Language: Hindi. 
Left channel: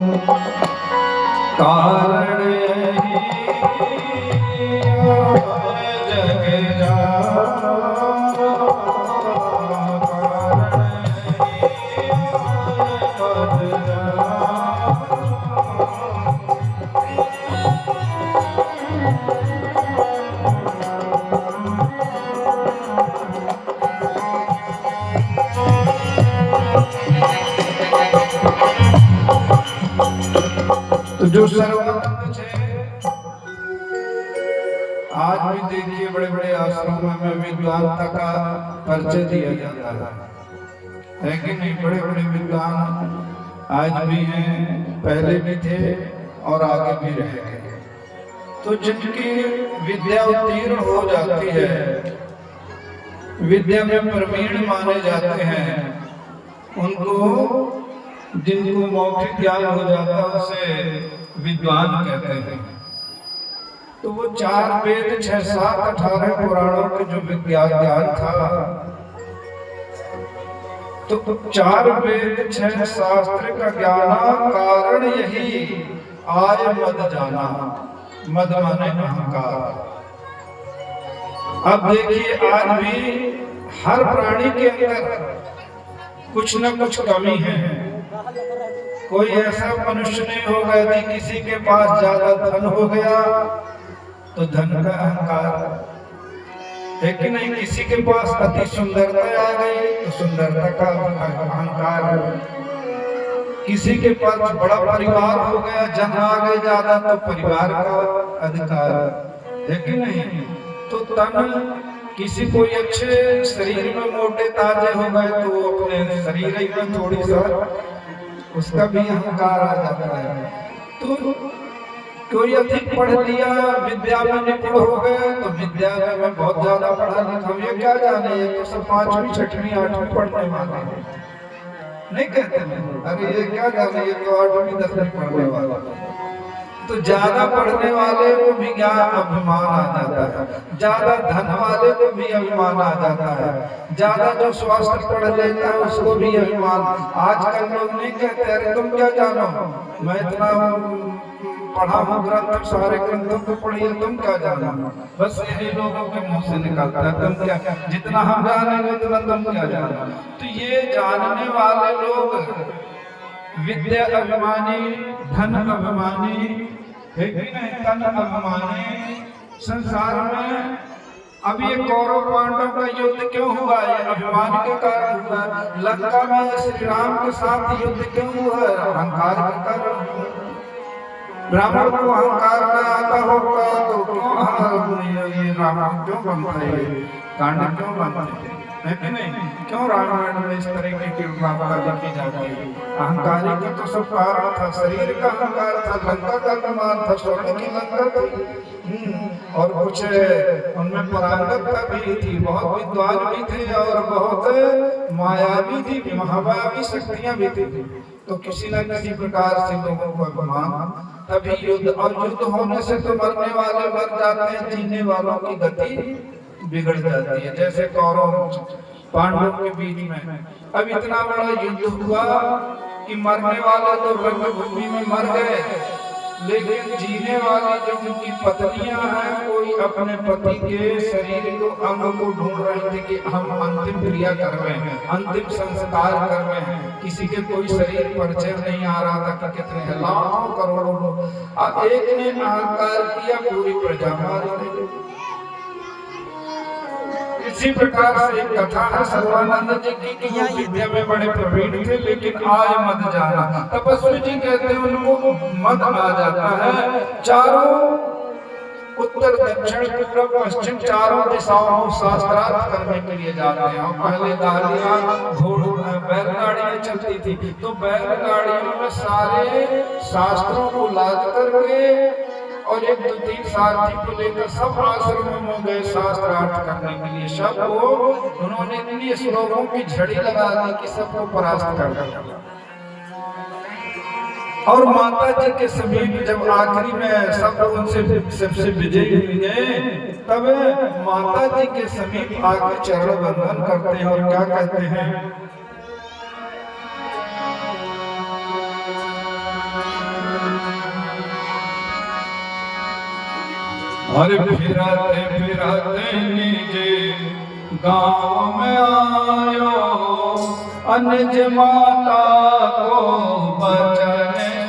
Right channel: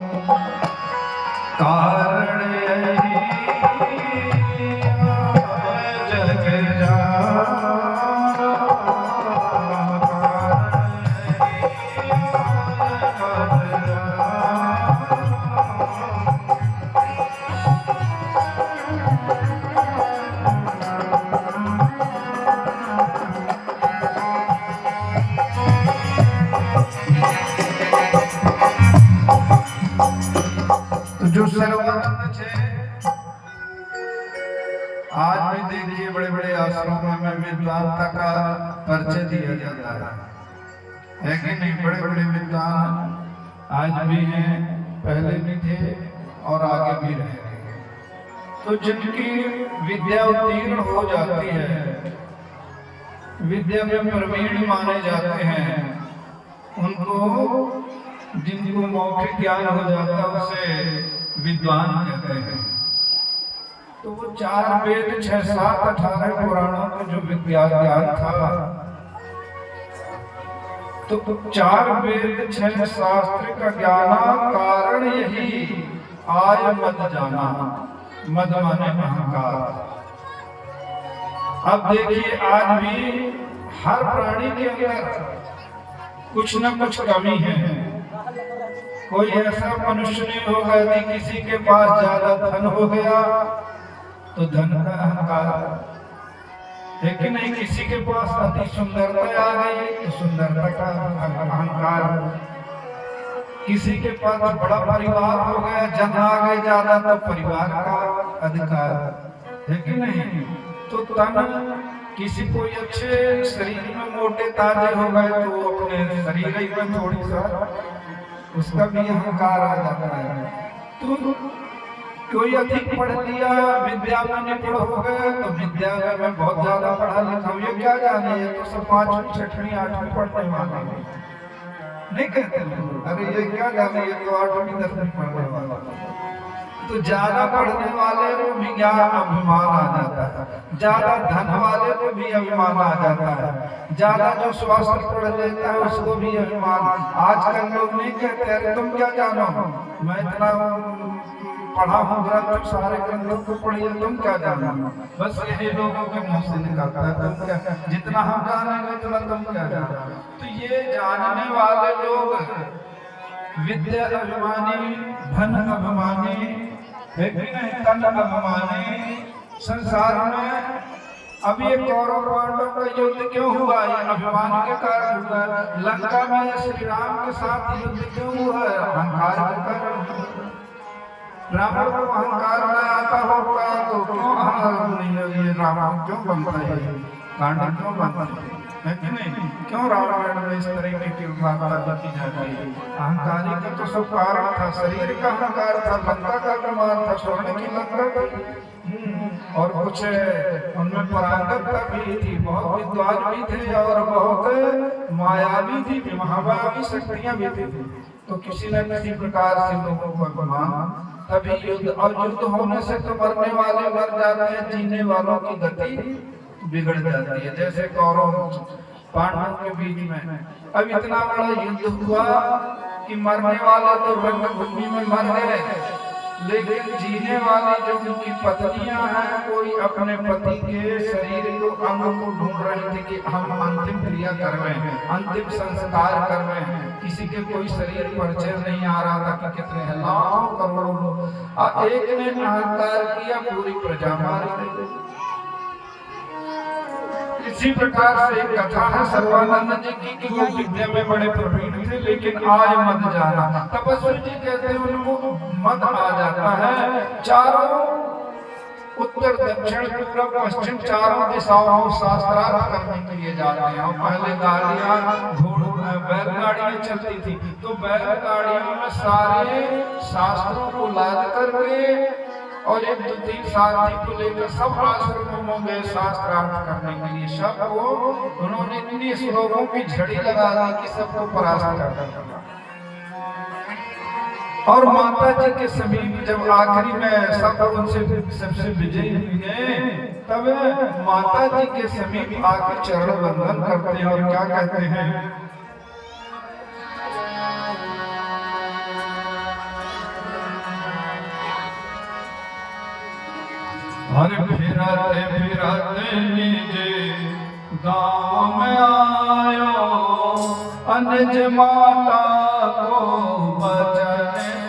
कारण यही जग जाना, तो जो सर्वानंद है। आज भी देखिए बड़े बड़े आश्रमों में विद्वानता का परिचय दिया जाता है कि नहीं? बड़े बड़े विद्वान आज भी हैं, पहले भी थे और आगे भी रहेंगे। तो जिनकी विद्या उत्तीर्ण हो जाती है, विद्या में प्रवीण माने जाते हैं, उनको जिनको मौखिक ज्ञान हो जाता है उसे विद्वान कहते हैं। तो वो 4 वेद 6 7 18 पुराणों के जो विद्या ज्ञान था, तो 4 वेद 6 शास्त्र का ज्ञान कारण यही आय मद जाना। मद माने अहंकार। अब देखिए आज भी हर प्राणी के अंदर कुछ न कुछ कमी है। कोई ऐसा मनुष्य नहीं होगा कि किसी के पास ज्यादा धन हो गया तो धन का अहंकार है कि नहीं? किसी के पास अति सुंदरता आ गई तो सुंदरता का अहंकार। किसी के पास बड़ा परिवार हो गया, जन आ गए ज्यादा तो परिवार का अधिकार है कि नहीं? तो तन किसी कोई अच्छे शरीर में मोटे ताजे हो गए तो अपने शरीर में थोड़ी सा उसका भी अहंकार आ जाता है। तो कोई अधिक पढ़ लिया, विद्या में निपुण हो गए तो विद्या में बहुत ज्यादा पढ़ा लिखा, ये क्या जाने, ये तो सब 5वीं 6वीं 8वीं पढ़ने वाले नहीं कहते हैं। अरे ये क्या जाने, ये तो 8वीं 10वीं पढ़ने वाला। तो ज्यादा पढ़ने वाले को भी ज्ञान अभिमान आ जाता है, ज्यादा धन वाले को भी अभिमान आ जाता है, ज्यादा जो स्वास्थ्य पढ़ लेता है उसको भी अभिमान। आजकल लोग नहीं कहते अरे तुम क्या जानो, मैं इतना पढ़ा हूँ, ग्रंथ सारे ग्रंथों को पढ़िए, तुम क्या जानो। बस यही लोगों के मुंह से निकलता है, तुम क्या, जितना हम जानेंगे उतना तुम क्या जानो। तो ये जानने वाले लोग विद्या अभिमानी, धन अभिमानी है कि नहीं? तन अभिमानी। संसार में अब ये कौरव पांडव का युद्ध क्यों हुआ? ये अभिमान के कारण हुआ। लंका में श्री राम के साथ युद्ध क्यों हुआ? अहंकार के कारण। ब्राह्मण को अहंकार में आता होगा तो क्यों ये रावण क्यों बनता है, कांड क्यों बनता है कि नहीं? क्यों रावण में इस तरीके की बात लिखी जाती है? अहंकारी का तो सब कारण था, शरीर का अहंकार था, लंका का अभिमान था, स्वर्ण की लंका थी और कुछ उनमें पारंगतता भी थी, बहुत विद्वान भी थे और बहुत मायावी थी, महामायावी शक्तियां भी थी। तो किसी न किसी प्रकार से लोगों को अभिमान, तभी युद्ध। और युद्ध होने से तो मरने वाले मर जाते हैं, जीने वालों की गति बिगड़ जाती है। जैसे कौरव पांडवों के बीच में अब इतना बड़ा युद्ध हुआ कि मरने वाले तो रणभूमि में मर गए, लेकिन जीने वाली जो उनकी पत्नियां हैं, कोई अपने पति के शरीर को, अंग को ढूंढ रही थी कि हम अंतिम क्रिया कर रहे हैं, अंतिम संस्कार कर रहे हैं। किसी के कोई शरीर परिचय नहीं आ रहा था कि कितने लाखों करोड़ों लोग। एक ने अहंकार किया, पूरी प्रजा मारी गई। इसी प्रकार से एक कथा है सर्वानंद जी की कि वो विद्या में बड़े प्रवीण थे, लेकिन आय मद जाना। तपस्वी जी कहते हैं उनको मद आ जाता है। चारों उत्तर दक्षिण पूर्व पश्चिम चारों दिशाओं में शास्त्रार्थ करने के लिए जाते हैं। पहले गाड़ियां बैलगाड़ियां चलती थी, तो बैलगाड़ियों में सारे शास्त्रों को लाद करके और 1 2 3 सारथी को लेकर सब आश्रमों में गए शास्त्रार्थ करने के लिए। सबको उन्होंने इतनी श्लोकों की झड़ी लगा दी कि सबको परास्त कर दिया। और माता जी के समीप जब आखिरी में सब उनसे सबसे विजयी हुए, तब माता जी के समीप आके चरण वंदन करते हैं और क्या कहते हैं, और फिरते फिरते निजे गांव में आयो, अनज माता को बचने